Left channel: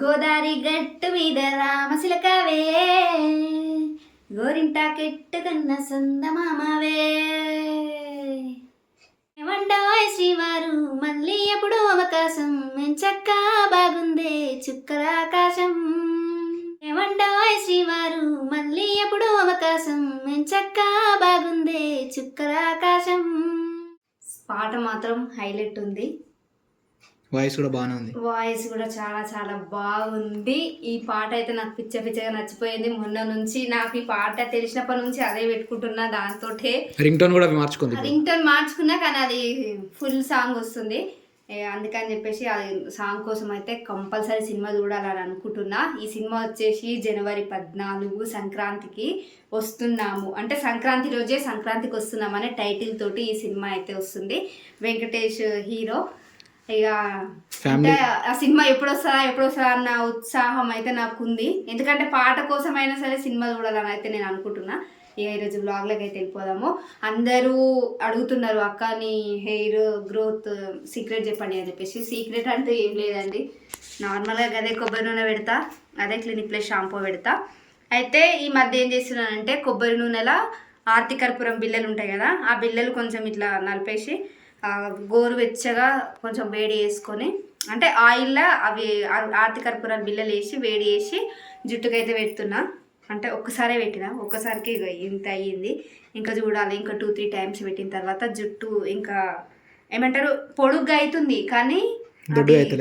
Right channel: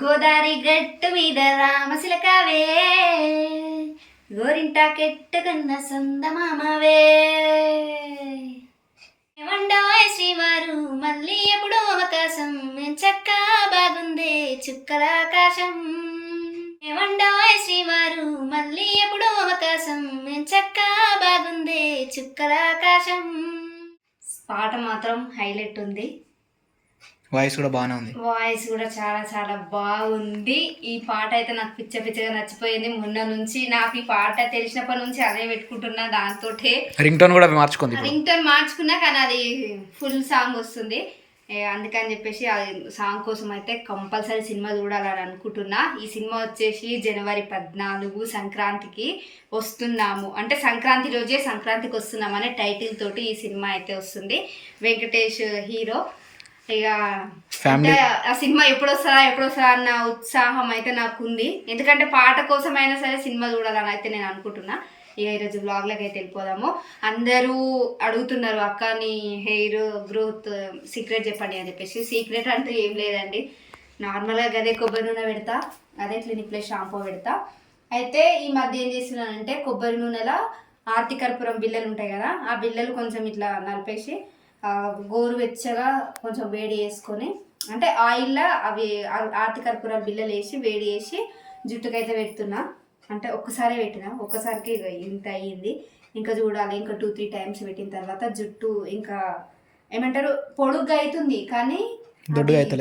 గోదారి గట్టు మీద రామశిలకావే గోరింటా కెట్టుకున్న సందమామవే ఏమంటాయ్ శ్రీవారు మళ్ళీ ఎప్పుడు అవకాశం చక్క బాగుందే చుక్కల ఆకాశం ఏమంటాయ్ శ్రీవారు మళ్ళీ ఎప్పుడు అవకాశం చక్క బాగుందే చుక్కల ఆకాశం. పాట మాత్రం హైలైట్ ఉంది, వాయిస్ కూడా బాగానే ఉంది. వాయిస్ కూడా చాలా చాలా బాగుంది. ఈ పాట అయితే నాకు పిచ్చగా నచ్చిపోయింది. మొన్న నుంచి నాకు ఈ పాట తెలిసినప్పటి నుంచి అదే పెట్టుకుంటున్నా. దాంతో రింగ్ టోన్ కూడా మార్చుకుంది. రింగ్ టోన్ మార్చుకున్నా కానీ అది ఫుల్ సాంగ్ వస్తుంది. అందుకని చెప్పేసి అది సాంగ్ కోసం అయితే కంపల్సరీ సినిమా చూడాలని అనుకుంటున్నా. ఈ సినిమా వచ్చేసి జనవరి 14 సంక్రాంతికి వస్తున్నాము, అంటే సంక్రాంతి రోజే సంక్రాంతికి వస్తున్నామనే టైటిల్ తోటి ఈ సినిమా అయితే వస్తుంది. వెంకటేష్ హీరో. ఇక ఆ సినిమా ఎప్పుడు వస్తుందా అన్న ఉత్సాహం అయితే నాకు ఉంది. ఎందుకంటే పాట కోసమైనా సరే సినిమా చూడాలని అయితే నేను అనుకుంటున్నా. ఇక ఈరోజు వ్లాగ్లోకి అయితే వెళ్ళిపోదాము. అందరూ అడుగుతున్నారు అక్క నీ హెయిర్ గ్రోత్ సీక్రెట్ చెప్పండి అని చెప్పేసి. సీక్రెట్ అంటూ ఏం లేదండి, నార్మల్గా అదే కొబ్బరి నూనె పెడతా, అదే క్లినిక్ ప్లస్ షాంపూ పెడతా. అయితే ఈ మధ్య ఏం చేస్తున్నానంటే కొబ్బరి నూనెలా ఆర్తి కర్పూరం బిళ్ళలు ఉంటాయి కదా, ఆ బిళ్ళలు కొంచెం ఇట్లా నలిపేసి గోరువెచ్చగా కొంచెం వేడి చేసుకొని, అంటే ఆయిల్లో అవి ఆర్తి కర్పూరాలు బిళ్ళలు వేసి వేడి చేసి జుట్టుకైతే పెడుతున్నా. అంటే ఒక్కసారే ఒక్కసారికి ఇంత అయ్యింది. ఇంకా చూడాలి, ఇంకా 2-3 టైమ్స్ పెట్టిన తర్వాత జుట్టు ఇంకా ఏమంటారు పొడుగ్గా అవుతుంది, కానీ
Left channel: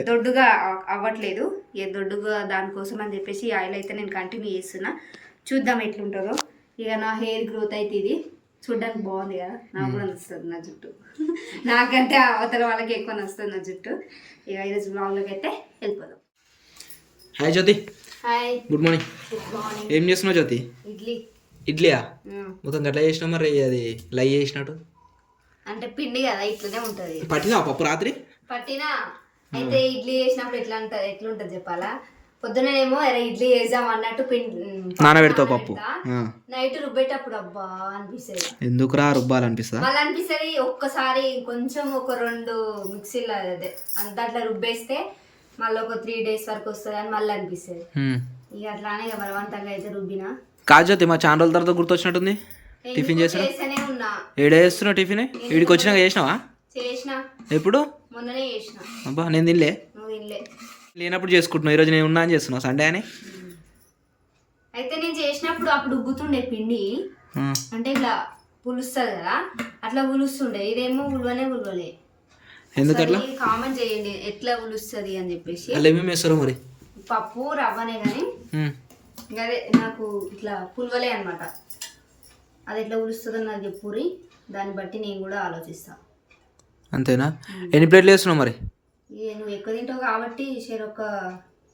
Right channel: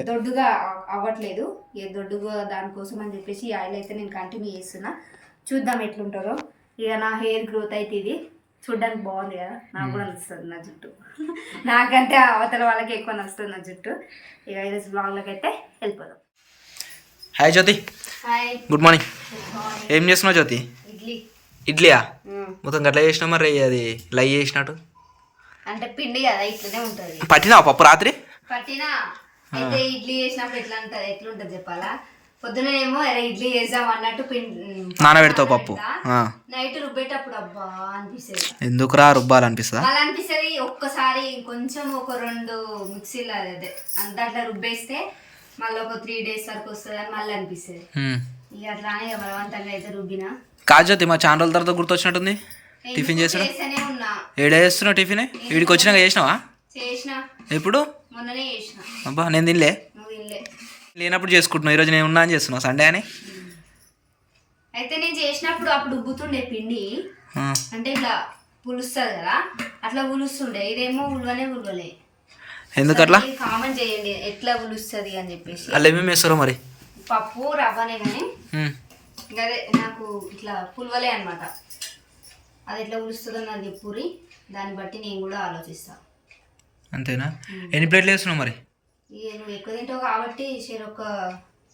దొడ్డుగా అవ్వట్లేదు. దొడ్డుగా దానికోసం అని చెప్పేసి ఆయిల్ అయితే నేను కంటిన్యూ చేస్తున్నా. చూద్దాం ఎట్లుంటుందో. ఇక నా హెయిర్ గ్రోత్ అయితే ఇది చూడ్డానికి బాగుంది కదా, నాకు కూడా నచ్చుతుంది నా జుట్టు. నాకంటే అవతల వాళ్ళకి ఎక్కువ నచ్చుతుంది నా జుట్టు. ఇక ఈరోజు బ్లాగ్లోకి అయితే వెళ్ళిపోదాం. Hi Jyothi. Hi, good morning. ఏం చేస్తున్నావు జ్యోతి? ఇడ్లీయా? మొత్తం గట్లా చేసినావు మరి, అది లై చేసినట్టు. అంటే పిండి కదా ఇట్లనే ఉంటుంది. పట్టినావా పప్పు రాత్రి? పట్టినా. అయితే ఇడ్లీ చేసినప్పుడు ఎట్లుంటుంది చెప్పాలా, పొద్దునేమో ఇడ్లీ చేద్దాం అన్నట్టు నానబెడతావు పప్పు, నైట్ రుబ్బేటప్పుడు అబ్బా అనిపిస్తుంది. ఎందుకురా రుబ్బాలనిపిస్తుందా? అలా అనిపిస్తుంది. ఒక్కసారి కొంచెం ఒక 2 మిక్సీలో అదే దాంట్లో రుబ్బేస్తే మళ్ళీ ఒక 3 days వరకు వస్తుంది అని మళ్ళీ అనిపిస్తుంది. ఇక అట్లానే బలవంతంగా అయితే రుబ్బినా. కాజోతి మా చాలా రోజుల తర్వాత గుర్తొచ్చినట్టుంది. టిఫిన్ చేసినా ఉన్నా. ఏడే చేస్తున్నావు టిఫిన్? వీడికి వచ్చినాక చేసినావా? చేసిన. ఎప్పుడు? మొన్ననే చేసిన. అబ్బా నేను తినలే. నువ్వు తినలే. లేనప్పుడు చేసుకుంటున్నావు, ఈరోజు నేను ఉన్నా అని చేస్తున్నావు సండే అని. అయితే నేను చేసినప్పుడు అప్పుడు ఉబ్బుతుండే పిండి, అంటే ఇట్లా పులుస్తుంది కదా, అట్లా పులుస్తుండే. ఇదేమో ఉల్వలే. ఎందుకట్లా? కామెంట్ చేయండి ఎట్లా పులుస్తుంది అని చెప్పేసి. అలా ఏమేమి వేస్తారో మరి? పప్పు రవ్వనే కానీ అదే నాకు ఇట్లా పుల్వలే అనమాట. అది ఎట్లా పులుస్తుందో నాకు చెప్పురి, దాన్ని బట్టి నేను కూడా ఆలోచిస్తా. అంతేనా? ఎన్ని ప్లేట్లు వేస్తున్నావు మరి? నువ్వు ఎక్కువ తింటావు కాబట్టి ఒక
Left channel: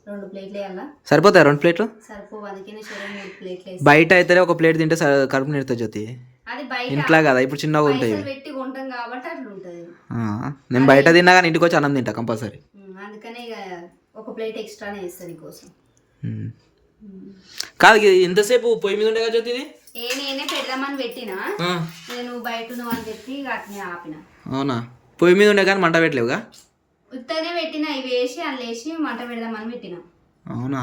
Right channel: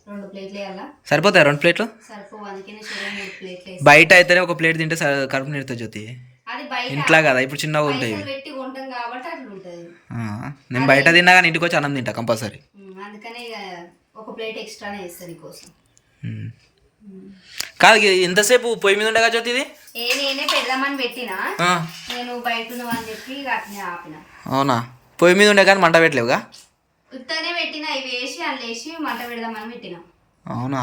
2 ప్లేట్లు వేయాలా? సరిపోతాయి 2 ప్లేట్లు? సరిపోవు, అందుకనే 3 ప్లేట్లు. బయట అయితే ఒక ప్లేట్ తింటే కడుపు నిండుతుంది జ్యోతి. అది బయట ఇంట్లో కదా, ఇప్పుడు చిన్నగా ఉంటాయి పెట్టి కొంటాం కాబట్టి అట్లా ఉంటుంది. నేను బయట తిన్నా కానీ ఇంటికి వచ్చి అన్నం తింటా కంపల్సరీ. అందుకనే ఇక ఒక ప్లేట్ ఎక్స్ట్రానే వేస్తాను నీకోసం. కాదు ఎంతసేపు పొయ్యి మీద ఉండగా జ్యోతి ఇది? నేనే పెడదామని పెట్టినా, నేను బయట ఉన్నావని చెప్పి అట్నే ఆపిన. అవునా? పొయ్యి మీద ఉండే కానీ మంట పెట్టలేవుగా? ఉత్తనే పెట్టినా, ఇవి వేసి అందులో వేసి మంట పెడదామని పెట్టినా. అవునా?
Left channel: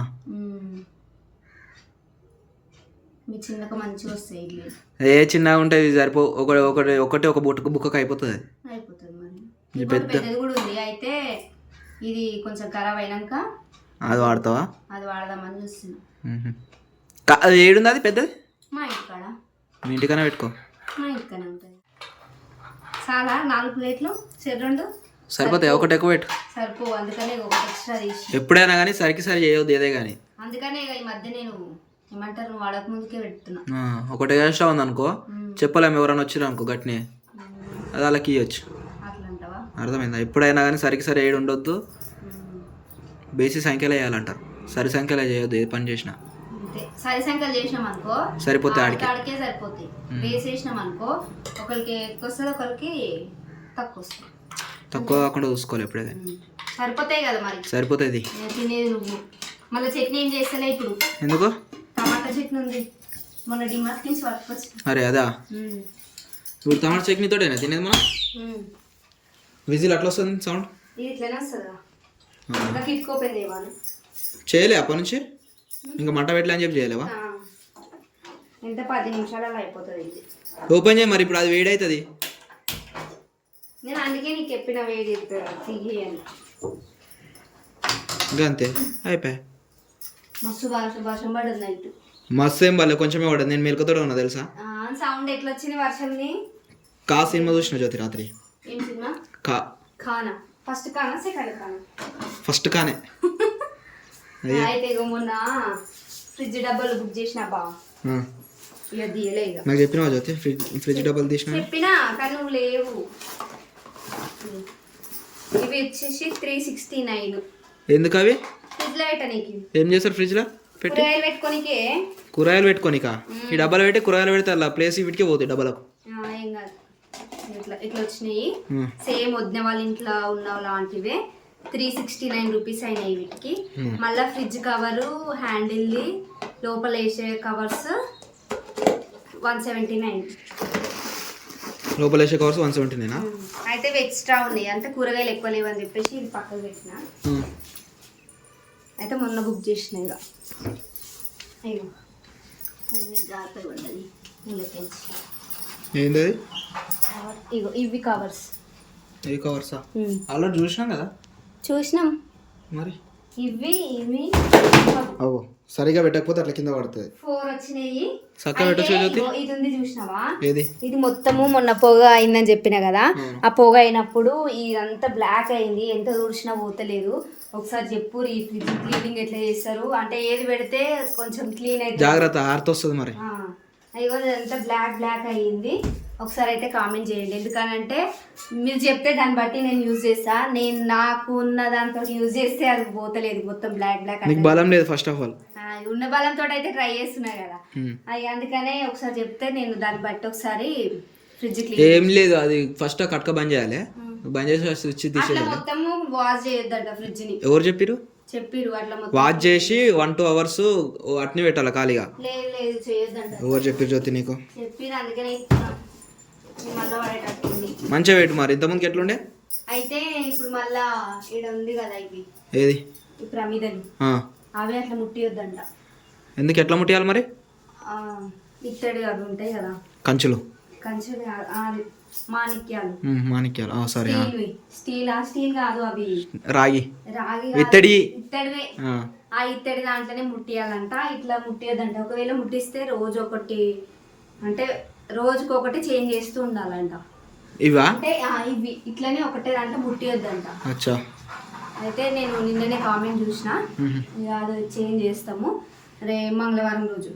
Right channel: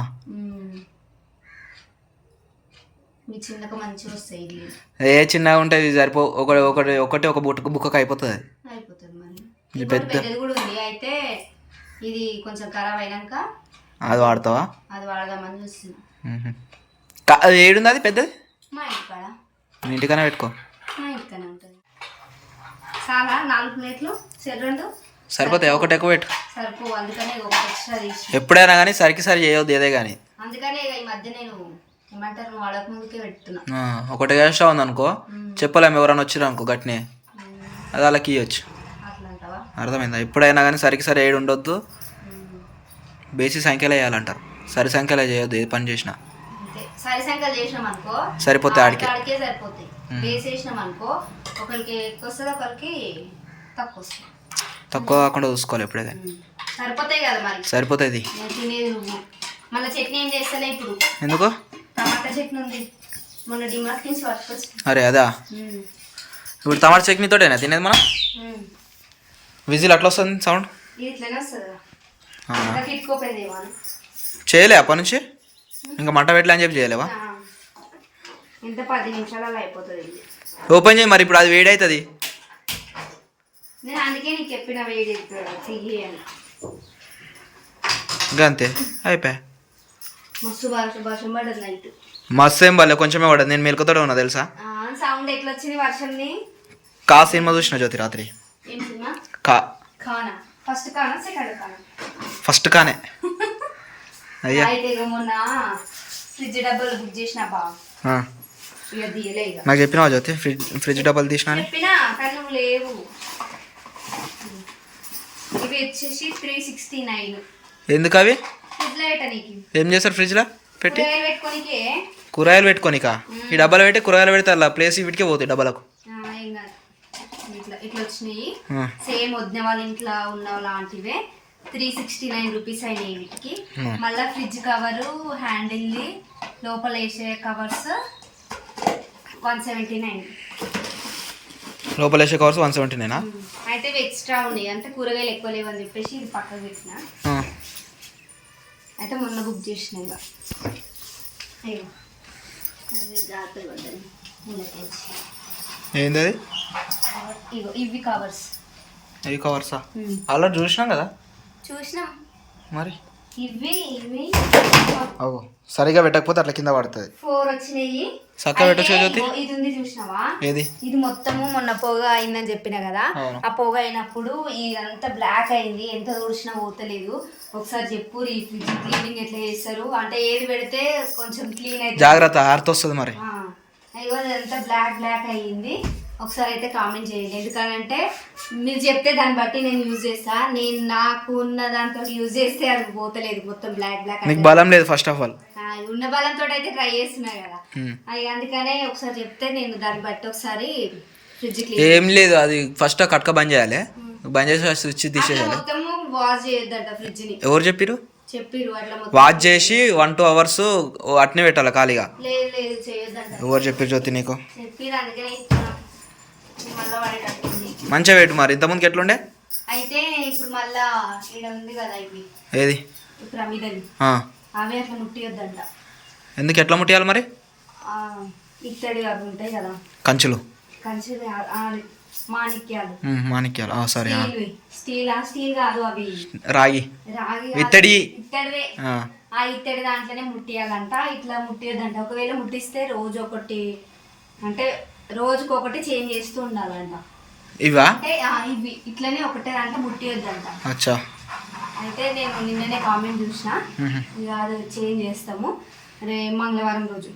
మీ చిన్నగా మంచిగా వస్తాయి ఇడ్లీ. చిన్నగా ఉంటుంది, సరిపో ఒకటి ఒక బుక్కకు అయిపోతుంది. మరి పెద్దది కూడా ఉంది. అయితే ఇది కొంచెం ఖరాబ్ అయినాక అది వాడతావా? అది వాడదామని చూస్తున్నా. అది ఏడుంది అది పెద్దది? మా ఇంటికాడ. మీ ఇంటికన్నా పెట్టుకో. మా ఇంటికన్నా ఉంటుంది. చాలా 4 ప్లేట్లు 2 సరిపోతాయి, ఒకటి ఎక్కువ పెట్టు. సరిపోవు, అందుకనే ఒకటి ఎక్స్ట్రా తీసి. ఎప్పుడైనా కానీ సరికి చేయవద్దు ఏదే కానీ. అందుకనే ఈ మధ్య నేను ఏమంటారు నువ్వు వాడక ముందుకే పెడుతున్నా. ఒకటి ఎక్స్ట్రా ఉంది అనుకో, చెప్పలేము ఎవరైనా వచ్చారు అనుకో గట్టినే, అది వాళ్ళకి ఇవ్వచ్చు. అర్థమైందా? ఎప్పుడైనా కానీ సరికి ఏడు ఉండొద్దు, బేసి సంఖ్యలో వేయాలంటారు. సరి సంఖ్యలో చేయొద్దు ఏ పని చేసినా. సరి సంఖ్యలు చేసినాం అనుకో సరిపోతాయి, ఆడికే సరిపోతాయి. బేస్ వేసినాం అనుకో ఒకరికి ఎక్కువ వస్తుంది, ఒకరికి తక్కువ వస్తుంది. తక్కువ కాకుండా చూసుకోవాలి ఎప్పుడైతే. సరిపోతాయి కదా మరి. సరిపోతుంది. తినేది నువ్వు మళ్ళీ చట్నీ ఏం చేస్తలే ఇప్పుడు. ఎందుకు? టమాటా చట్నీ ఉంది, మొన్న డిమార్ట్ నుంచి పట్టుకొచ్చి. అరే అదా? ఇప్పుడు టమాటా చట్నీతోటేనా తినేది మనం? విజిల్ అట్లా వస్తుంది సౌండ్? ఇది ఇట్లనే వస్తుందా? కిట్టుకోపోయింది ఇవాళ. చేయలే అప్పటి నుంచి ఇంకా మంట పెట్టలే అని చెప్పి చేయలేవా? ఎంత 10 నిమిషాలలో అయిపోతుంది ఇది. ఓపెన్ చేయి మరి, ఇప్పుడు అది వేడి అవుతుంది. నేను అందుకే నీకు చెప్పిన వేడి చెయ్యి అని. ఇంకా అంతే అయిపోయా. మస్తు వర్షం పడదు నైట్. మస్తు ఏం పడలే, కొంచెమే పడదు. నేను మెలకుతోనే ఉన్నా తెలుసా. సౌండ్ ఎట్లా వచ్చింది వర్షంని? కా సినిమా చూసిన జ్యోతి రాత్రి. ఏం సినిమా? ఖానా. ఫస్ట్ ఖానా సెకండ్ ఖానా? ఫస్ట్ ఖానే. అయ్యా అయితే ఇక మొన్న ఫ్రిడ్జ్ డబ్బాలు బుక్ చేసిన బా, ఇక తీయలే. ఇక నాకు చెప్పినావా జ్యోతి ఫ్రిడ్జ్ డబ్బాలు తీసినా? చెప్పినా కానీ నువ్వు లేవు. ఇవి వచ్చేసి 369. ఎందుకు అవి? ఫ్రిడ్జ్ లైట్ నీకు ఏం చేస్తారు ఫ్రిడ్జ్లో పెట్టి? కూరగాయలు పెట్టుకోనికే. కూరగాయలు పెట్టుకోనికా? ఈ డబ్బాలు పెట్టి కూరగాయలు పెడితే అలా ప్లేస్ వీటికే పోతాయి డబ్బాలకు. ఏం కాదు, ఇట్లా ఇట్లా వచ్చినాయి. సేమ్ వదిన వాళ్ళ ఇంట్లో ఉన్న లాంటివే. 369 రూపీస్ అయినాయి వీటికి. మళ్ళీ ఫ్రిడ్జ్ కవరు, హ్యాండిల్ది, లోపల వేసే కవర్స్ 179. లోపల వేసే కవర్స్ 179. అయితే ఇవి ఎక్స్ట్రా ఉన్నాయి, అంటే కూరగాయలు ఎక్కువ లేవని చెప్పేసి ఇది పక్కకు పెట్టిన. అయితే మొన్న బుక్ చేసిన. ఇక ఇగో జాగ్రత్తగా ఉంటుంది. ఏంది అది? ఇగో ఇవి కవర్స్. ఇవి కవర్సా? అలా చూసినాం కదా. చూసినాం మరి. ఇవి ఇవి ఓ సరిగా పెట్టకపోతే అట్లా కింద పడుతుంది. 4 వచ్చినాయి. చక్కగా పెట్టచ్చు జ్యోతి. ఇది ఉంది చూసినావా? ఏది? ఇది మొత్తము మొన్న పొగ అయిందని చెప్పిన కదా. ఆ పొగ అయినప్పుడు ఇదంతా బ్లాక్ అయింది, ఎంత తుడిచినా పోతలేదు. ఒకసారి చెప్పు ఈ ఫ్రిడ్జ్ క్లీనింగ్ ఎట్లా చేస్తారు, అంటే ఏది పెడితే కొంచెం క్లీన్ అయితే. జాగ్రత్త ఆరుతొస్తుంది మరి. అయ్యో అదంతా బ్లాక్ అయ్యింది. ఒకసారి అయితే కామెంట్ చేయండి, ఎందుకనంటే మీరు చెప్తే దాన్ని బట్టి నేను యూజ్ చేస్తా. నేను నాకు ఉన్న దాంతో యూజ్ చేస్తే అది పోతలేదు, మొత్తం బ్లాక్. నీకు బలం లేదు ఫస్ట్ ఆఫ్ ఆల్. ఉన్న బలంతో అయితే ట్రై చేస్తున్నా కదా. అది అందుకనే ఒకసారి చెప్తే నేను దాన్ని బట్టి ఒకసారి ఫ్రిడ్జ్ క్లీన్. ఏం లేదు, అది ఫస్ట్ కట్క బంద్ చేయాలి. బంద్ చేసి స్విచ్ తీసేయాలి. మొత్తము వాష్ చేయొద్దంట ఫ్రిడ్జ్ ని. ఎవరు చెప్పిరు? అట్లా వాష్ చేసి 1-2 అవర్స్ అట్నే పెట్టాలి ఖాళీగా. లేదు చేయొద్దంట. ఎవరు చెప్పారు జ్యోతి నీకు? చెప్పిరు, అందుకనే మళ్ళీ పడేటట్టుంది. మంచిగా పెట్టు మరి. ఇంతకుముందుకి ఎట్లుండే? అయితే ఇప్పుడు మళ్ళా ఇక్కడ ఉంది కదా ఇవి. ఏది? ఇప్పుడు అమిదలు అవి అట్లా ముట్టియొద్దంట. ఎందుకు? ఎట్లా ముట్టియాలి మరి? ఇత్తడి అవి ఉంటాయి కదా, కంచులు మాణిక్యాలు. సారీ, స్టీల్ కాదు అవి రాగి ఇత్తడివే. ఆ ఇత్తడి దాంట్లోనే ముట్టియాలంట. ఇట్లా ముట్టియొద్దంట. ఒకవేళ ముట్టిస్తే రోజుకొకటి చేంజ్ చేస్తూ ఉండాలంట. ఇవా? అంటే ఇవి ఇట్లనే ఒకటే దాంట్లో ముట్టియొద్దంట. అచ్చా. అయితే నేను నిన్ననే కామెంట్ చూసిన, అది చేంజ్ చేస్తాము. మంగళవారం రోజు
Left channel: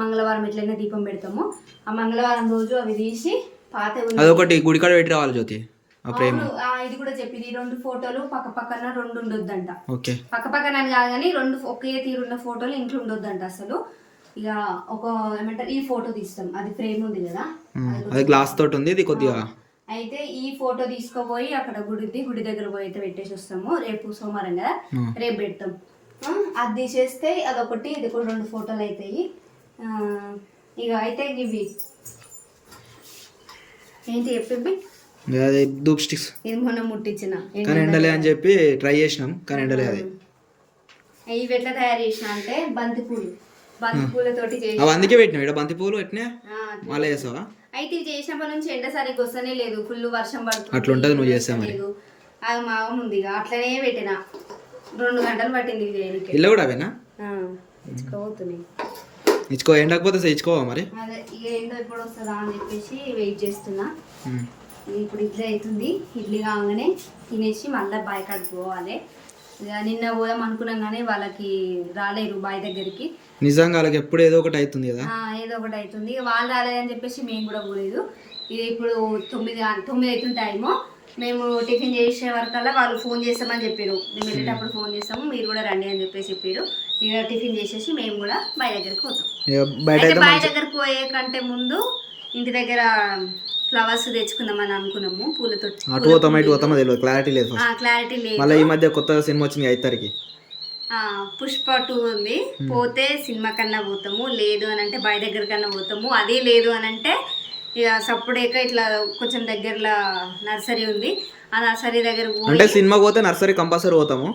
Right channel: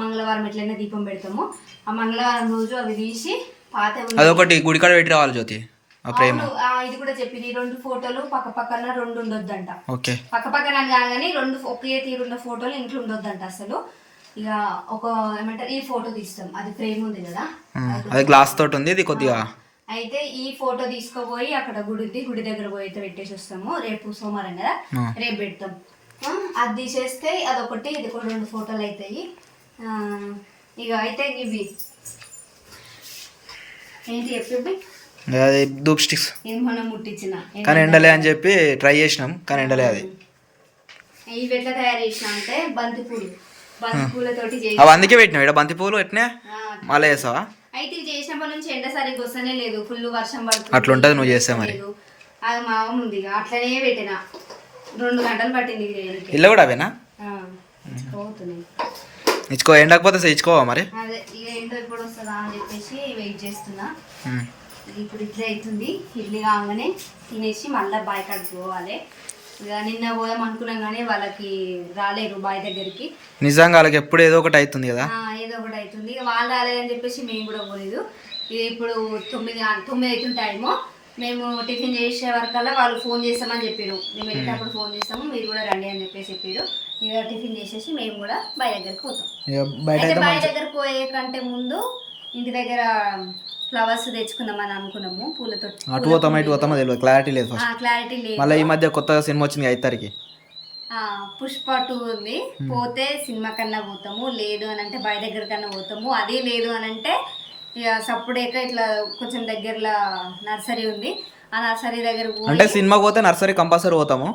మంగళవారం ఎట్లయినా దీపం పెడతాము. ఆ మంగళవారం రోజు అవి తీసి పాత అదొకటి గుడికాడ పెట్టి రావాలి జ్యోతి. ఇది కూడా చెప్పింది. 2 ఫోటోలు పక్క పక్కన 2 ఉండొద్దంట. పక్క పక్కన కాదు కానీ 2 ఒకే తీరున్న ఫోటోలు ఇంట్లో ఉండొద్దంట అసలు. ఇక ఒక ఏమంటారు, ఈ ఫోటో తీస్తాం, అది ఫ్రేమ్ ఉంది కదా, అది గ్లాస్ తోటి ఉంది ఇది కొద్దిగా. అయితే ఈ ఫోటో తీసుకుపోయి అక్కడ గుడి దగ్గర పోయి అయితే పెట్టేసి వస్తాము. రేపు సోమవారం కదా, రేపు పెడతాం. అది తీసేస్తే అదొకటి, ఇది కూడా 2 ఫోటోలు అవుతాయి. ఇక అయితే ఇవి ఏంటి చెప్పి ధూప్ స్టిక్స్ ఇది మొన్న ముట్టించిన, కానీ ఎండలే అని చెప్పి ట్రై చేసినాం, కానీ ఎండలే. అది ఇవి ఎట్లా తయారు చేసిన అంటే బంతిపూలతోటి చేసి అవి అందుకే పెట్టినావు ఇక్కడ బంతిపూలు ఎట్నే మళ్ళీ వేసావా? అయితే ఇది చేసినప్పటి నుంచి ఎండ సరిగ్గా వస్తేనే లేదు, ఫుల్ వర్షం పడుతుంది. అట్లా ఉంటుంది నువ్వు చేస్తే మరి. అది మామూలు ఉంది, అట్లనే పెట్టిన 2 గంటలు పట్టింది ఇల్లు కూడా అవేనా? పోతున్నాయి. ఇచ్చుకో, ఎండకపోతే ఇచ్చుకోవా మరి. అదే ఇక ఎండ ఎప్పుడు వస్తుందా అని చెప్పేసి వెయిట్ చేస్తున్నా. ఇప్పుడు ఇడ్లీ అవుతుంది, ఇడ్లీ కాగానే తినేసి మళ్ళీ బాయ్ కాడికి పోవాలి. ఇక నిన్న పోదాం అనుకున్నాం కానీ వాళ్ళకి రాలేరు బాయ్ దగ్గరికి. నిజంగా వాళ్ళకి ఎప్పుడు ఏదో ఒకటి అవుతుంది కదా, ఏదో ఒకటి అవుతుంది. ఇక వాళ్ళు రాలేదని చెప్పేసి మేము కూడా పోలేదు. ఇది ఇప్పుడు 9 అవుతుంది టైము. మేము టిఫిన్ చేసే వరకల్లా వాళ్ళు ఫోన్ చేస్తామని చెప్పారు. మేము వెళ్ళేటప్పుడు ఫోన్ చేస్తాము, మీరు కూడా రండి అని చెప్పేసి చెప్పారు. ఇక టిఫిన్ చేసేసి మేము కూడా బాయ్ దగ్గరికి పోతాం. బాయ్ దగ్గరికి పోయే కంటే ముందు ఇంటి దగ్గర ఫ్లవర్స్ తెచ్చుకుందామని అనుకున్నాము, పూలతో. అటు పోతామా ఇటు పోతామా తెలియదు, క్లారిటీ లేదు. మళ్ళీ ఈ మధ్య కొత్త సినిమా వచ్చింది 5 తారీఖు, పుష్ప 2 ఉంది. పోతే సినిమా కన్నా పోతాము, లేదు అని అంటే బాయ్ దగ్గర కన్నా పోతాము. అదే లేదు అని అంటే ఇక సప్పుడేక ఇట్లా కొంచెం దగ్గరలో నర్సరీ ఉంది, ఆ నర్సరీ దగ్గర అంటే సినిమాకి పోతే నర్సరీ కంపల్సరీ పోతాము.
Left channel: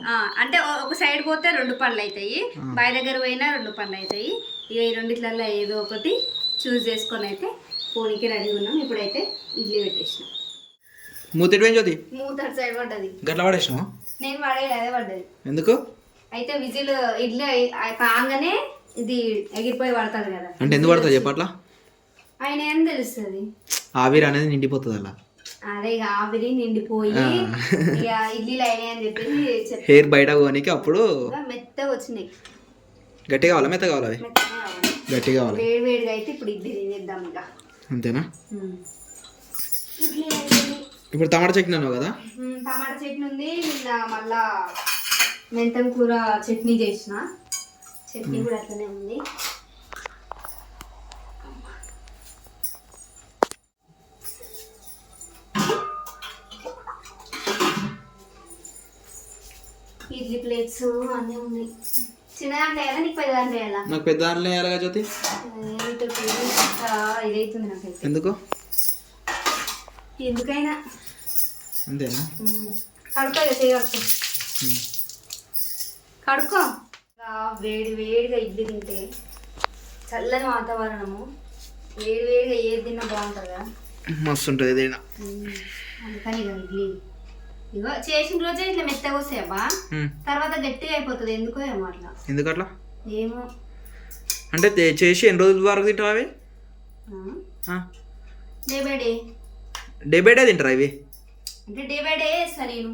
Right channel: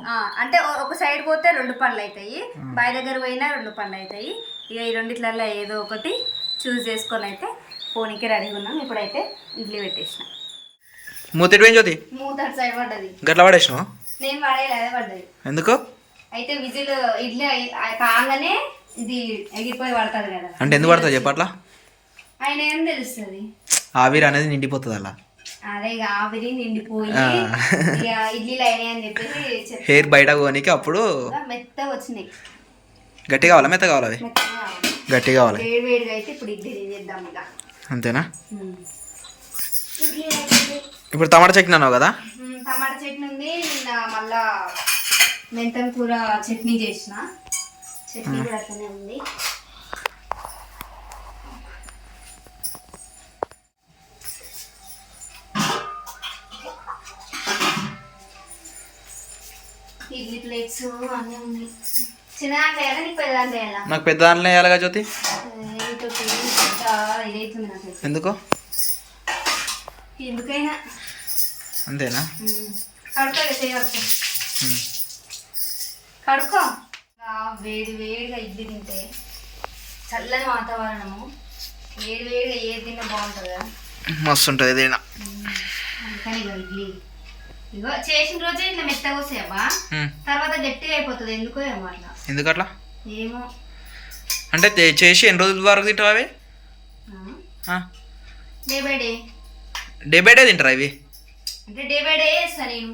అంటే ఒక సైడ్ పోతే 2 పనులు అవుతాయి, బాయ్ దగ్గర పోయినా 2 పనులు అవుతాయి. ఇక ఈ రెండిట్లలో ఏదో ఒకటి చూస్ చేసుకొని అయితే పోనీకి రెడీగా ఉన్నాం. ఇప్పుడైతే ఇడ్లీ పెట్టేసిన. మూతటి పోయి జ్యోతి మూత అటు సైడ్ పడ్డది. గట్ల పడేసినావు? నేను పడేది అదే పడ్డది. ఎందుకు? అయితే విజిల్ ఇడ్లీ కాగానే ఇది ఎగిరిపోయి పడుతుంది కదా. అంటే ఎందుకు పడుతుంది చెప్పట్లా? ఆయన ఏం తెలుస్తుంది, ఆవిరి అనేది నిండిపోతుంది అలా. అదే ఇక ఆవిరి నిండిపోయి ఇక ఇడ్లీలు అయినాయి అని చెప్పేసి హెయిర్ బయట పోనీకి అప్పుడు మెత్తగా వచ్చినాయి. గట్టి కావాలా మెత్త కావాలా? అవి గట్టి కావాలి. వేడి వేడిగా అయితే ఇప్పుడు ఇడ్లీ తినేద్దాం ఇక. అంతేనా? ఇడ్లీ ఇప్పుడు టమాటా చట్నీ అన్నావు కదా? టమాటా చట్నీ ఉంది. నిన్న మళ్ళా మెంతం కూర చట్నీ చేసిన, చట్నీ కూడా అట్లనే ఉంది. ఇడ్లీ ప్లేట్స్ అన్నీ ఉన్నాయి. చిన్న దాంట్లో వేయాలా నీకు పెద్ద దాంట్లో వేయాలా? నాకు పెద్ద దాంట్లో వేయాలిగా జ్యోతి. ఇదైతుంది నాకైతే. ఎందుకు? ఎందుకైనా. అంతేనా? కడుకో చేయవచ్చు. కడుకో. వేడి వేడిగా ఇడ్లీ తింటే చల్లని వాతావరణము, వేడి వేడిగా ఏది తిన్నా బాగుంటుంది కదా, మస్తు ఉంటుంది ఏదైనా. అందుకని ఇక ఇడ్లీ ఇగో చేసిన రోజే ఇట్లా మెత్తగా వస్తాయమ్మా, తర్వాత గట్టిగా అయిపోతుంది. ఎందుకో ఏమో అట్లా. ఎందుకు అట్లా? ఏమో. అంటే చేసి ఎన్ని రోజుల వరకు తింటావు అవి? Day by day. Day by day తింటారా ఇవి? అంటే డే బై డే వేస్తా నేను.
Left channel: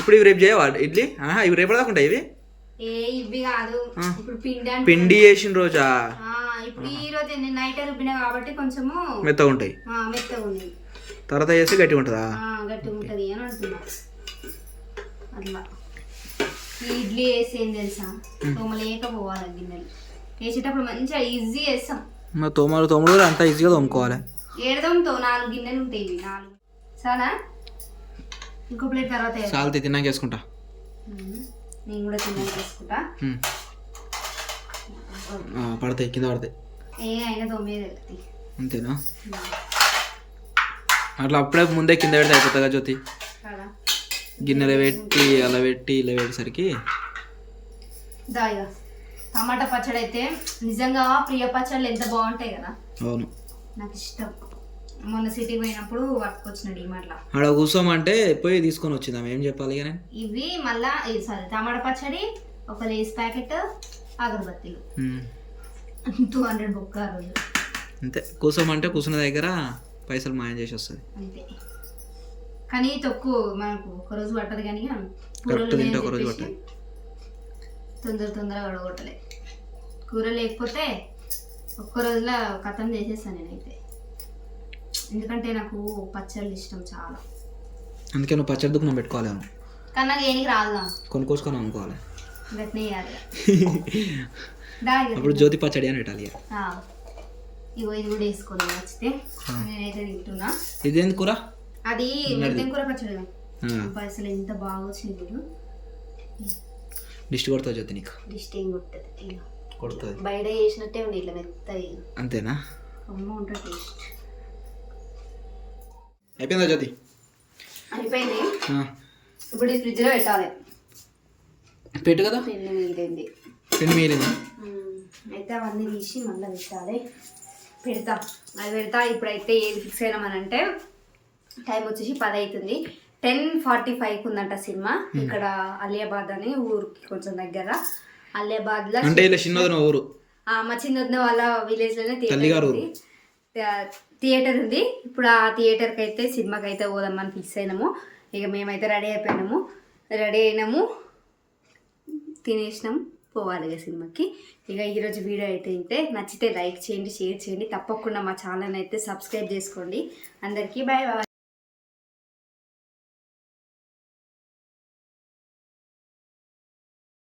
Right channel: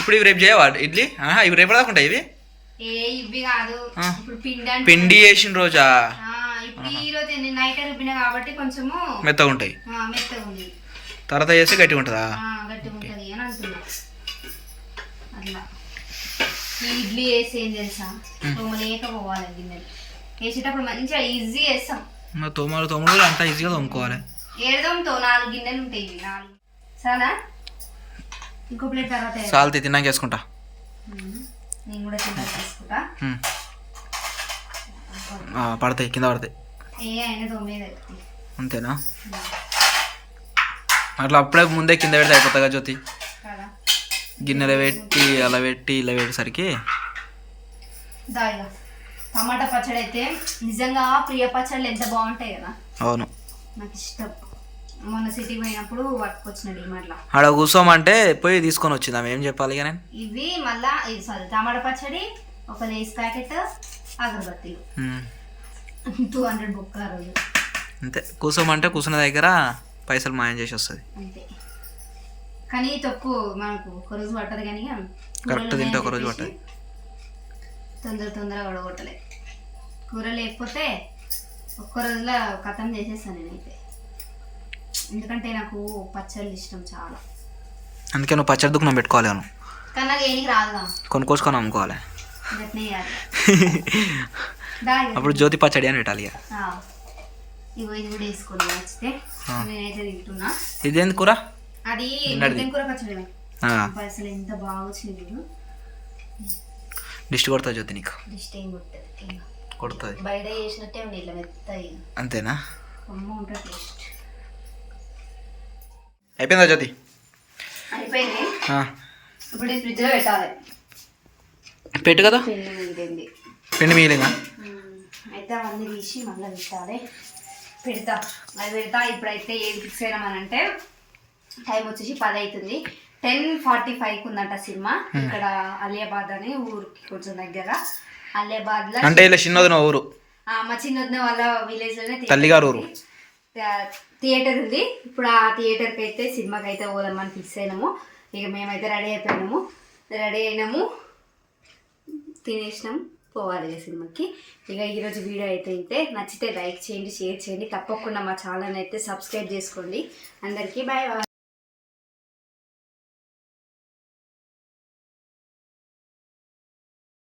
ఇప్పుడు ఇవి రేపు చేయవా ఇడ్లీ? ఇవి రేపు దాకా ఉంటాయి ఇవి? ఇవి కాదు, ఇప్పుడు పిండి వేసిన రోజా? ఇప్పుడు ఈ రోజు నైట్ రుబ్బినా కాబట్టి కొంచెము మెత్తగా ఉంటాయి. మెత్తగా ఉంది, తర్వాత చేస్తే గట్టిగా ఉంటుందా? గట్టిగా ఉంటుంది అని అంటున్నా. అట్లా ఈ ఇడ్లీ వేసి ఏం తెలుసా, తోమలేకపోవాలి గిన్నెలు వేసేటప్పుడు మంచిగా ఈజీ వేస్తాం. తోమలు అంతా ఈజీగా తోముకోవాలి. ఏడదంతో 4 గిన్నెలు ఉంటాయి, ఇవి 4 చాలా. ఇంకో ప్లేట్ తర్వాత చాలా తిన్నాక వేసుకుంటా. నేను కూడా తిన్నాక వేసుకుంటా. పడతాయి, కింద పడతాయి. అయినా తొమ్మిది. అంతేనా? అట్లా అప్పుడే ముందే కింద పెడితే అయిపోతుంది కదా జ్యోతి. గిన్నెలో పెట్టి అలా పెట్టి ఇలా పెట్టేసరికి. టమాటా పచ్చడి అయితే నిజంగా ప్రియ పచ్చళ్ళు ఎంత బాగుంటాయి కదా. అవును, నాకు ఇష్టం. మొన్న సిటీకి పోయినప్పుడు పట్టుకొచ్చిన డిమార్ట్లో. ఆడ కూర్చోమంటే పోయి తీసుకొని వచ్చింది. ఆమె ఏం చెప్పాలి ఇక నేను. ఇవి మళ్ళా సారీ టమాటా పచ్చడి, ఒక లేస్ ప్యాకెట్, అగరబత్తీలు, 200 బుక్క ఆ రోజు. అంతే, కూర్చోమంటే కూర్చున్న దగ్గర పైసలు మాయం చేసి వస్తుంది. అంతే. కానీ తక్కువ మనకు ఒకరోజు పట్టదు, కానీ కరెక్ట్ తింటే ఒకరోజు పట్టదు. తొందరగా గడగొట్టలే. కూర లేకపోతే ఒక్క రోజులో కథం చేసేస్తాను నేనైతే. ఎందుకంటే నాకు పచ్చళ్ళు ఇష్టం చాలా. అందుకే నువ్వు పచ్చడి దుకాణం పెట్టుకోవాలి. నువ్వు కానీ నాకు ఏనికి రాదా, కొనుక్కోసుకొని అమ్ముకోవాలి. గట్నే అప్పుడు జ్యోతి పచ్చడి అని పెట్టాలి. ఇగో ఇది కూడా వేసుకొని నచ్చితే నేనైతే తింటున్నా. ఇదేంది కూర? అది కూర పచ్చడి. అసలు ఎంత బాగా వచ్చింది. డిస్ట్ కొడుతుంది జ్యోతి నీకు? డిస్ట్ ఏం కొడుతుంది, కొడుతుంది. బయట చేసినట్టే ఉంది, ఇట్లా మెత్తగా. అంతేనా? అమ్మ ఉంటుంది టేస్ట్. అయిపోయిందా జ్యోతి? అయిపోయింది. ఇప్పుడు ఈ ఫ్రిడ్జ్లో పెట్టాలి. పెట్టు కదా. పిండి మిగిలిందా? అయితే అవన్నీ తీసి మళ్ళీ పెడతా. అది పెడతా. ఇప్పుడైతే ఏది ఫిక్స్ అయినామనంటే టైం వచ్చేసి 10 అవుతుంది. 10:45కి ఉందంట సినిమా. ఇక్కడ అలియాబాద్ అని ఊరికి కొంచెం దగ్గర. అలియాబాద్ లో అంటే ఇలా చిన్నది నా ఊరు, మా చిన్నదిన వాళ్ళ విలేజ్ లోనే తల్లిగారు ఊరు థియేటర్ ఉంది. ఇప్పుడు ఆ థియేటర్కి అయితే సినిమాకి అయితే పోదామని ఫిక్స్ అయినాము. ఇక మేమైతే రెడీ అయినాము, తినేసినాము, పోవాలి ఇక సినిమాకి. ఇక ఈరోజు వీడియో అయితే నచ్చితే లైక్ చేయండి, షేర్ చేయండి, తప్పకుండా మా ఛానల్ అయితే సబ్స్క్రైబ్ చేసుకోండి. అందరికీ బాయ్ బాయ్.